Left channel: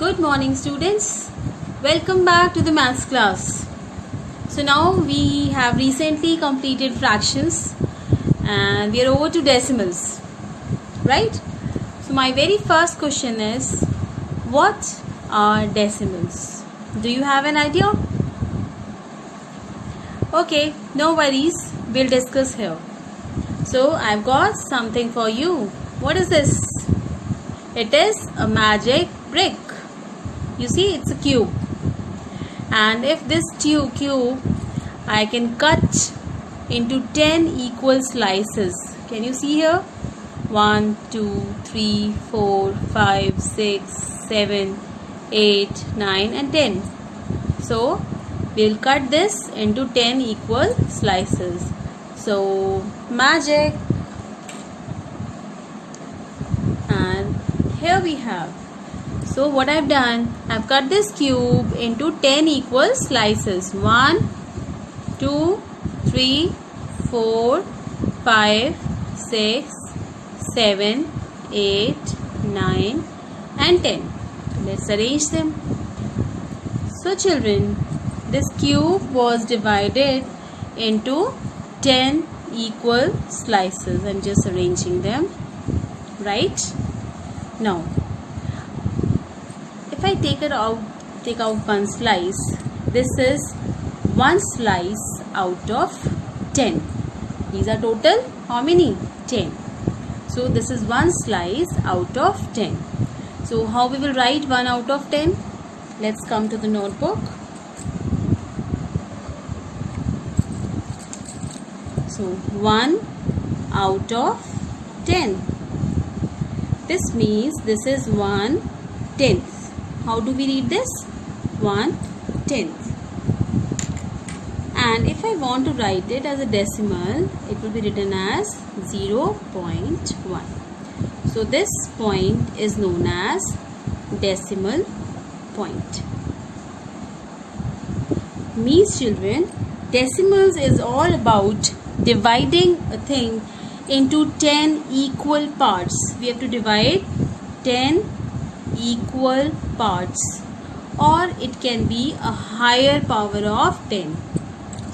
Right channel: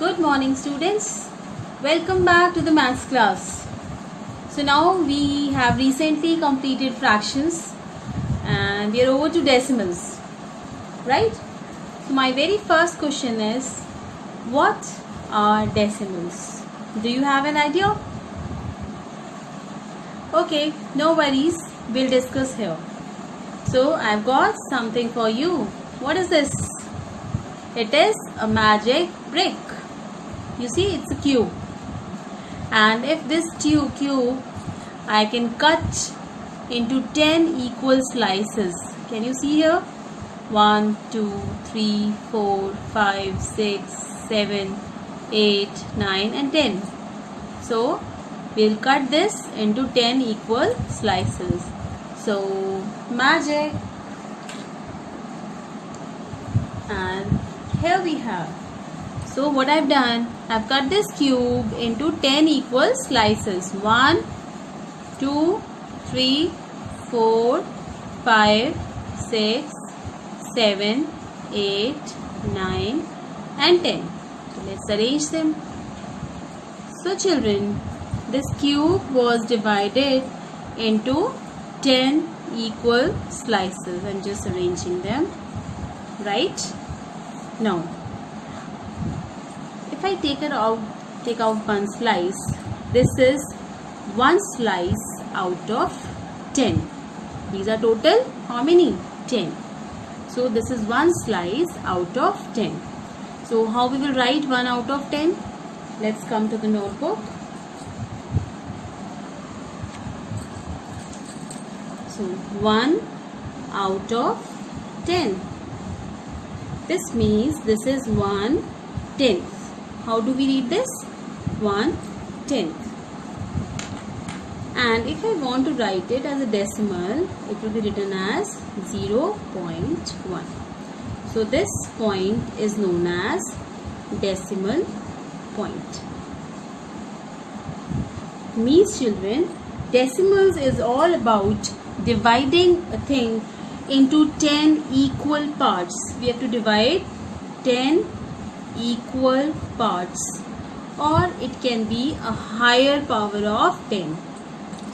Good morning, students. Welcome back to the maths class. So now we have recently completed fractions and we are over to decimals, right? So my very first question is, what are decimals? Do you have an idea? Okay, no worries. We'll discuss here. So I've got something for you. What is this? It is a magic brick. You see, it's a cube. And if this cube I can cut into 10 equal slices. Can you see here? 1, 2, 3, 4, 5, 6, 7, 8, 9 and 10. So we'll cut this into 10 equal slices. So magic. And here we have. So what I've done, I've cut this cube into 10 equal slices. 1, 2, 3, 4, 5, 6, 7, 8, 9 and 10. Let's arrange them. So children, this cube was divided into 10 equal slices. I'm just arranging them. Right? Now, if I take out one slice, this is one slice out of 10. These are total how many? 10. So this is one slice out of 10. So how we will write 1 out of 10? Let's come to the notebook. So 1 out of 10. This means this is 1/10. How do we read this? 1/10. And if I want to write it as a decimal, it will be written as 0.1. So this point is known as decimal point. Means children, decimals is all about dividing a thing into 10 equal parts. We have to divide 10 equal parts, or it can be a higher power of 10.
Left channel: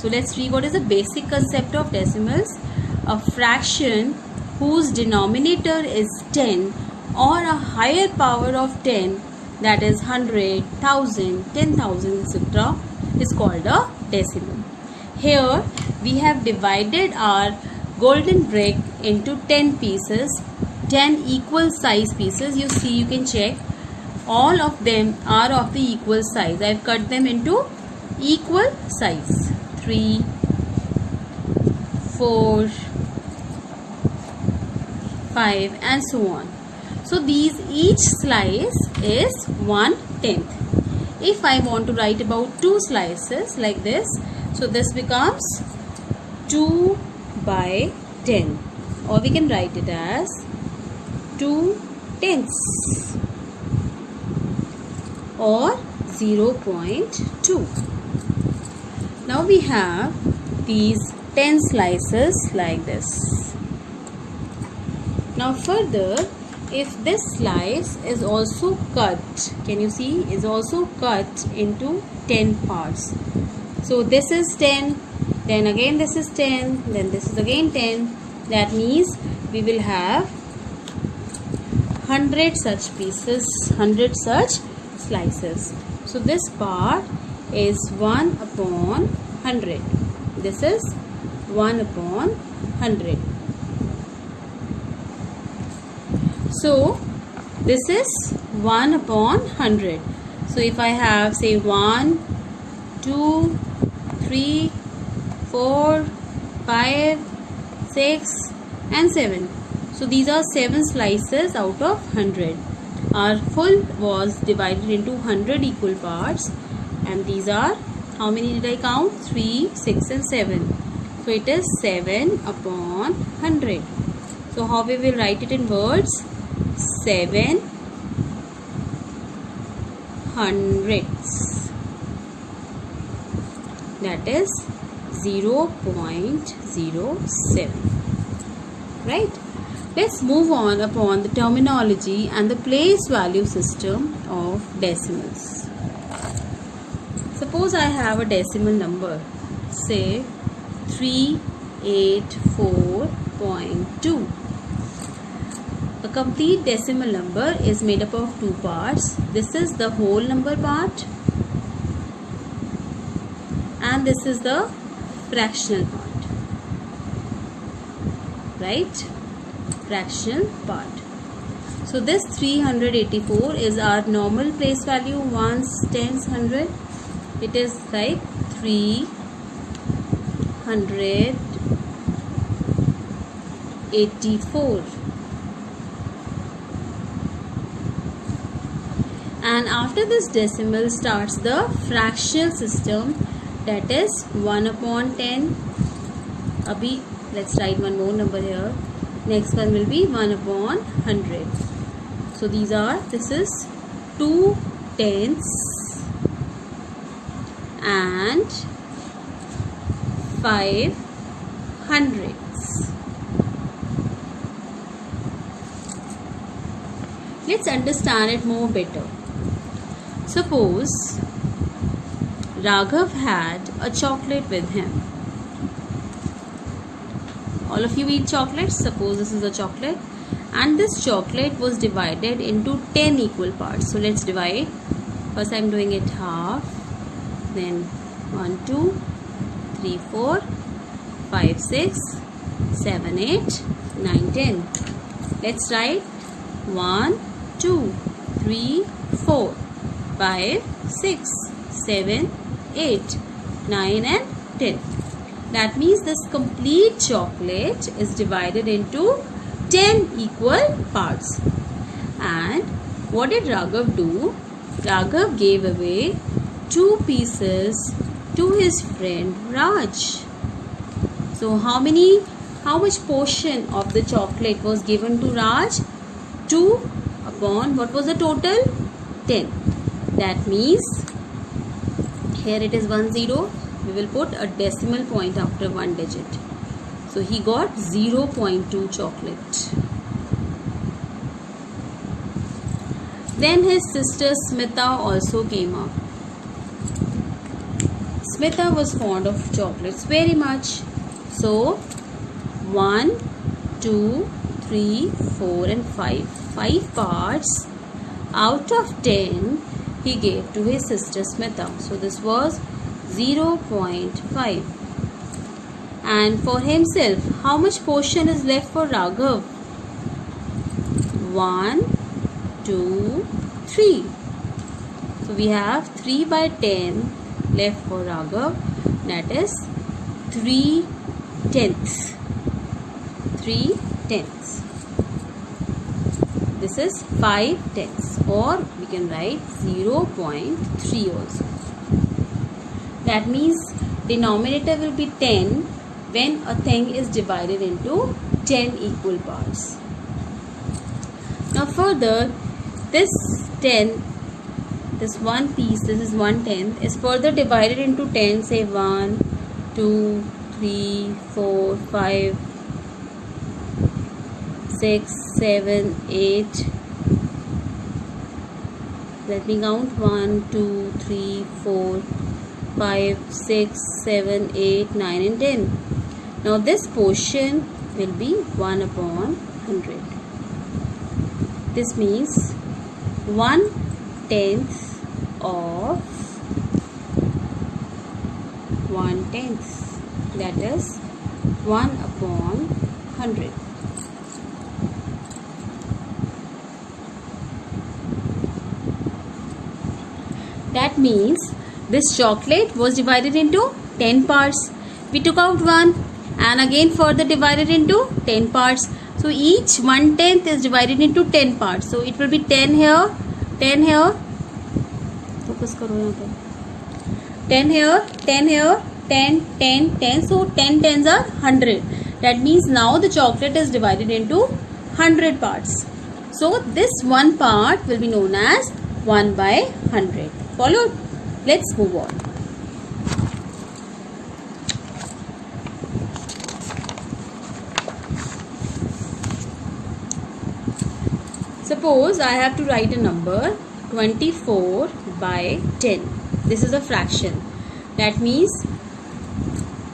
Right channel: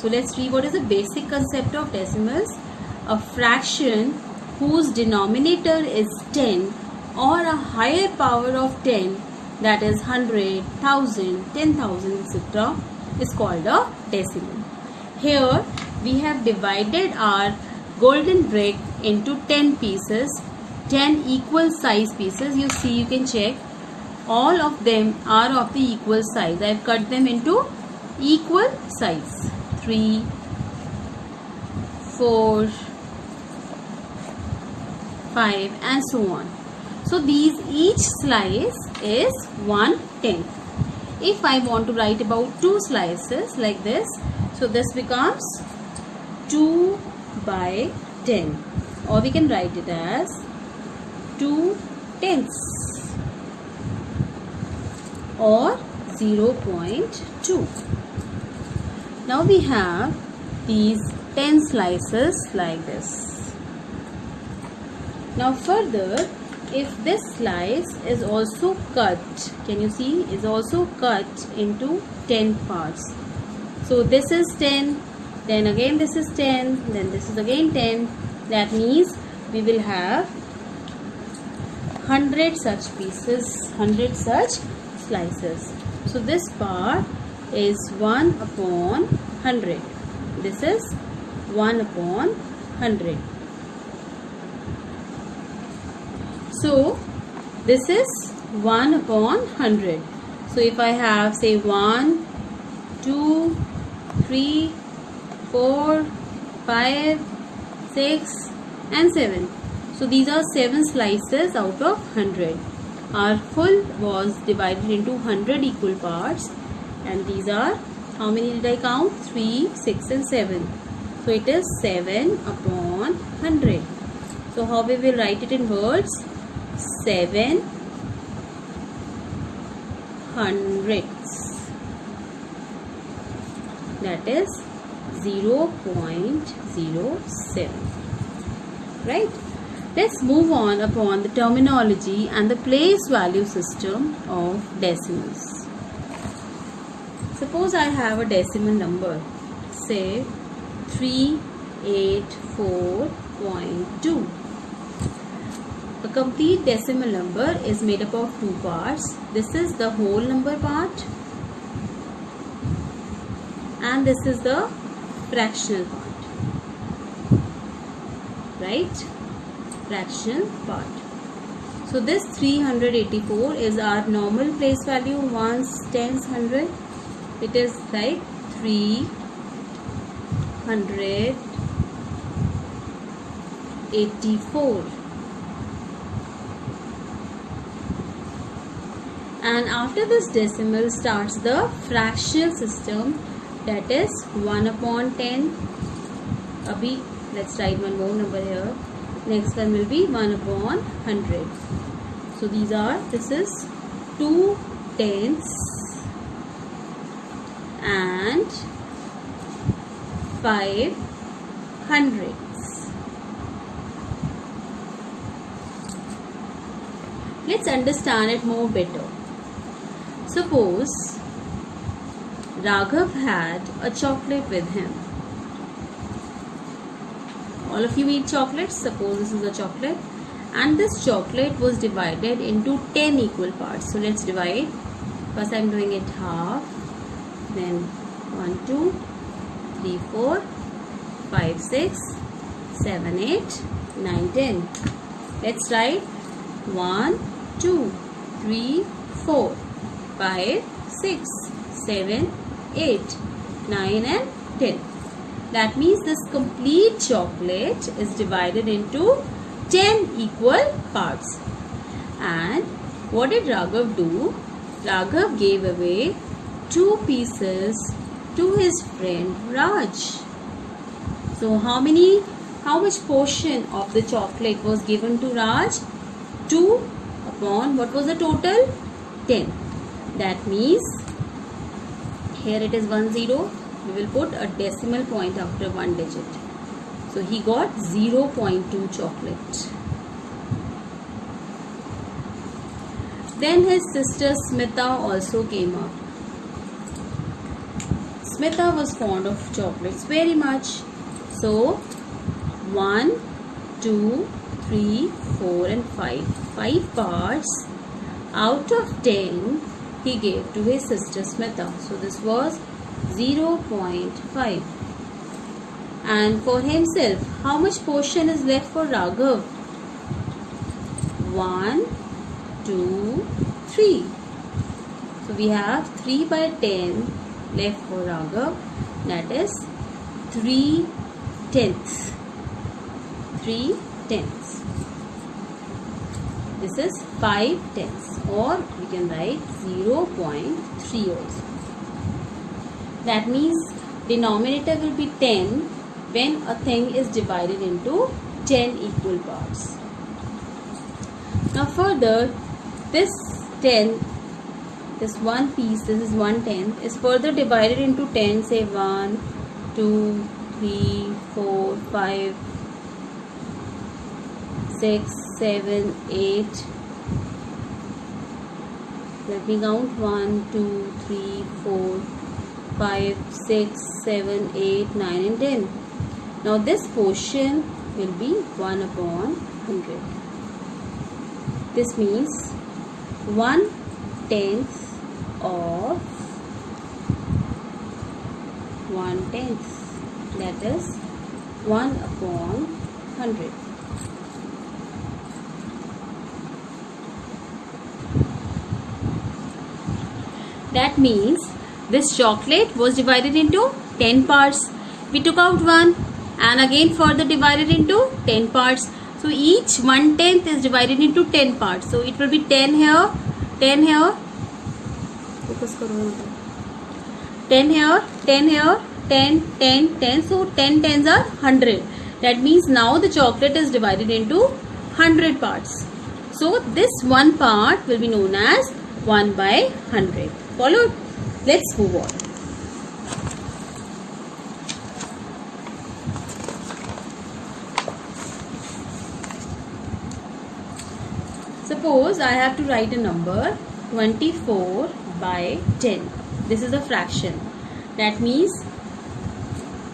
So let's read what is the basic concept of decimals. A fraction whose denominator is 10 or a higher power of 10, that is 100, 1000, 10,000, etc. is called a decimal. Here we have divided our golden brick into 10 pieces, 10 equal size pieces. You see, you can check, all of them are of the equal size. I have cut them into equal size. 3, 4, 5 and so on. So these each slice is 1/10. If I want to write about 2 slices like this, so this becomes 2/10, or we can write it as 2/10 or 0.2. Now we have these 10 slices like this. Now further, if this slice is also cut, can you see, is also cut into 10 parts. So this is 10, then again this is 10, then this is again 10. That means we will have 100 such pieces, 100 such slices. So this part is 1/100. This is 1/100. So this is 1/100. So if I have, say, 1, 2, 3, 4, 5, 6 and 7. So these are 7 slices out of 100. Our full was divided into 100 equal parts, and these are, how many did I count? 3, 6 and 7. So it is 7/100. So how we will write it in words? 7 hundredths. That is 0.07. Right? Let's move on upon the terminology and the place value system of decimals. Suppose I have a decimal number, say 384.2. A complete decimal number is made up of two parts. This is the whole number part and this is the fractional part, right? Fractional part. So this 384 is our normal place value, ones, tens, hundred. It is like 384. And after this decimal starts the fractional system, that is 1 upon 10. Abhi, let's write one more number here. Next one will be 1 upon 100. So this is 2 tenths and 5 hundredths. Let's understand it more better. Suppose Raghav had a chocolate with him. All of you eat chocolates. Suppose this is a chocolate and this chocolate was divided into 10 equal parts. So let's divide. First I am doing it half, then 1, 2, 3, 4, 5, 6, 7, 8, 9, 10. Let's write 1, 2, 3, 4, 5, 6, 7, 8, 9 and 10. That means this complete chocolate is divided into 10 equal parts. And what did Raghav do? Raghav gave away 2 pieces to his friend Raj. So how much portion of the chocolate was given to Raj? 2 upon, what was the total? 10. That means here it is 10. We will put a decimal point after one digit. So he got 0.2 chocolate. Then his sister Smita also came up. Smita was fond of chocolates very much. So 1, 2, 3, 4 and 5. 5 parts out of 10 he gave to his sister Smita. So this was 0.5. And for himself, how much portion is left for Raghav? 1, 2, 3. So we have 3 by 10 left for Raghav. That is 3 tenths. 3 tenths. This is 5 tenths, or we can write 0.3 also. That means denominator will be 10 when a thing is divided into 10 equal parts. Now further, this 10, this one piece, this is 1/10, is further divided into 10, say 1, 2, 3, 4, 5, 6, 7, 8. Let me count 1, 2, 3, 4, 5, 6, 7, 8, 9 and 10. Now this portion will be 1 upon 100. This means 1/10 of 1/10. That is 1 upon 100. That means this chocolate was divided into 10 parts. We took out 1 and again further divided into 10 parts. So each 1/10 is divided into 10 parts. So it will be 10 here, 10 here. Focus karo yahan par. 10 here, 10 here, 10, 10, 10. So 10 tens are 100. That means now the chocolate is divided into 100 parts. So this one part will be known as 1 by 100. Followed? Let's move on. Suppose I have to write a number 24 by 10. This is a fraction. That means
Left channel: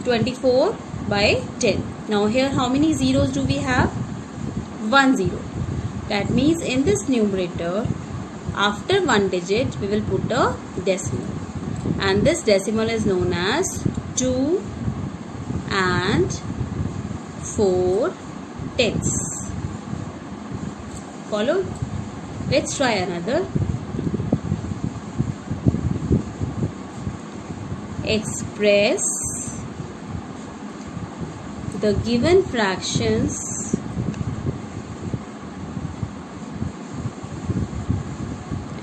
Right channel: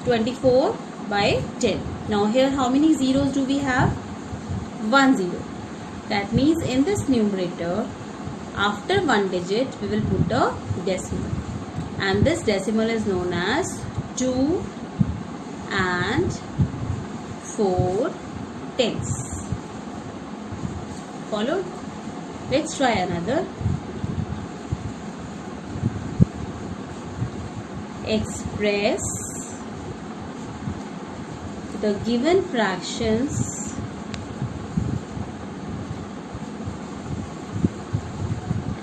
24 by 10. Now here how many zeros do we have? 1 0. That means in this numerator, after one digit we will put a decimal. And this decimal is known as 2 and 4 tenths. Follow? Let's try another. Express the given fractions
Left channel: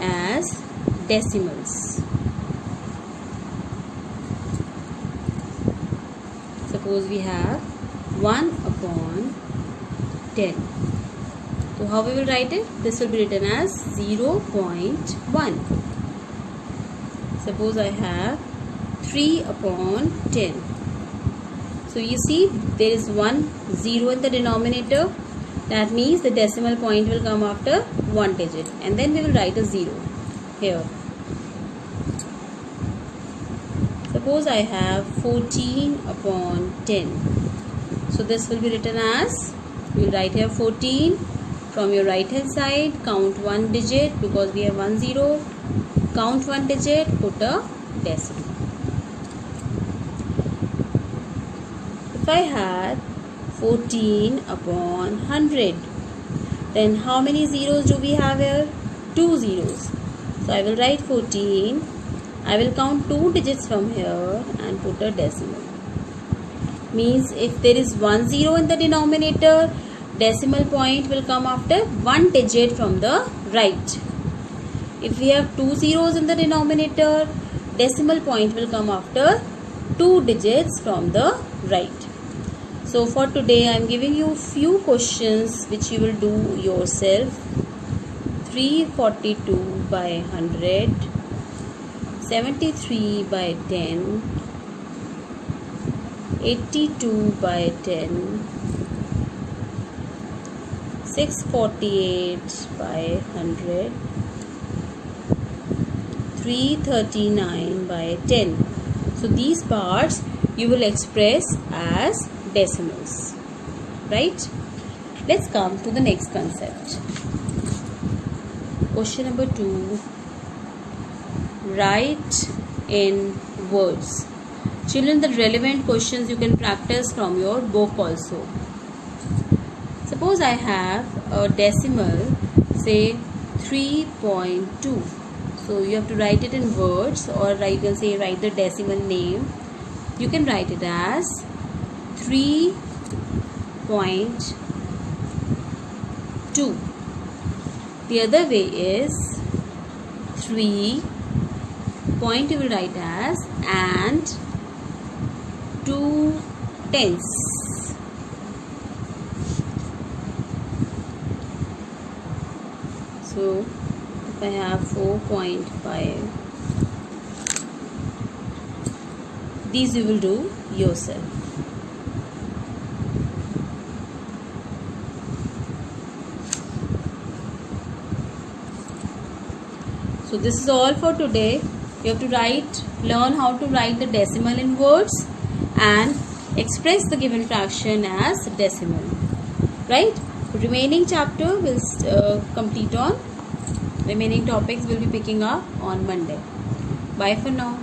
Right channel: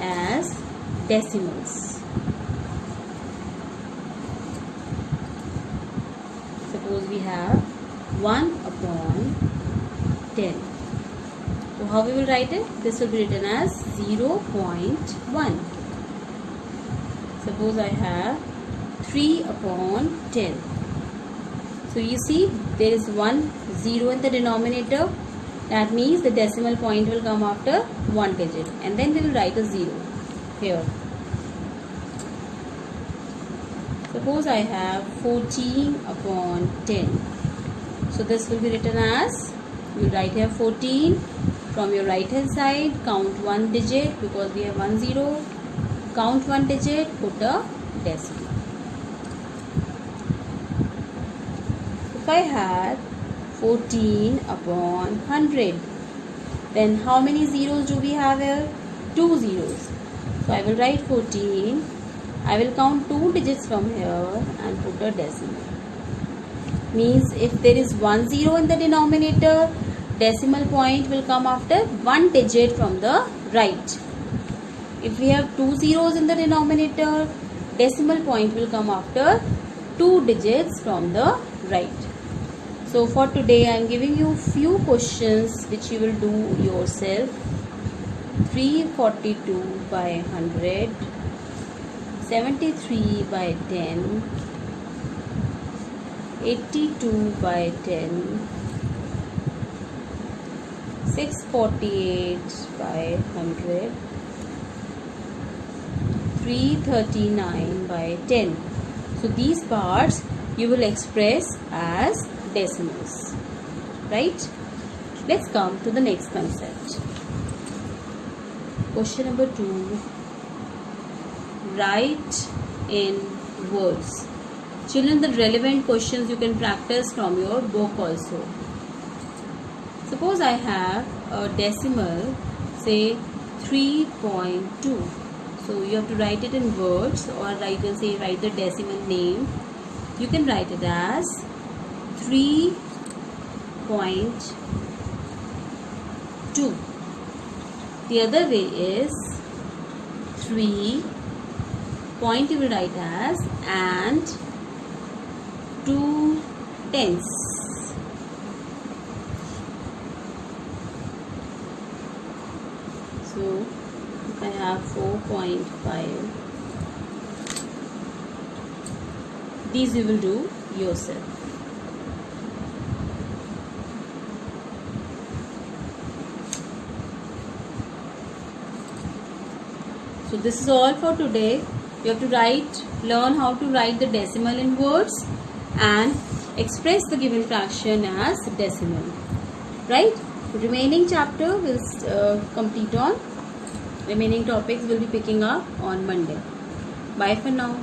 as decimals. Suppose we have 1 upon 10. So how we will write it? This will be written as 0.1. Suppose I have 3 upon 10. So you see there is 1 0 in the denominator. That means the decimal point will come after one digit. And then we will write a 0 here. Suppose I have 14 upon 10. So this will be written as, we will write here 14. From your right hand side, count one digit because we have 1 0. Count one digit, put a decimal. If I had 14 upon 100, then how many zeros do we have here? 2 zeros. So I will write 14. I will count 2 digits from here and put a decimal. Means if there is 1 0 in the denominator, decimal point will come after one digit from the right. If we have 2 zeros in the denominator, decimal point will come after 2 digits from the right. So for today I am giving you few questions which you will do yourself. 342 by 100, 73 by 10, 82 by 10, 648 by 100, 339 by 10. So these parts you will express as decimals, right? Let's come to the next concept. Question number 2. Write in words. Children, the relevant questions you can practice from your book also. Suppose I have a decimal, say 3.2. So you have to write it in words, or you can say write the decimal name. You can write it as 3.2. The other way is 3 point you will write as and 2 tenths. So if I have 4.5, these you will do yourself. So this is all for today. You have to learn how to write the decimal in words and express the given fraction as decimal. Right? Remaining chapter will complete on. Remaining topics will be picking up on Monday. Bye for now.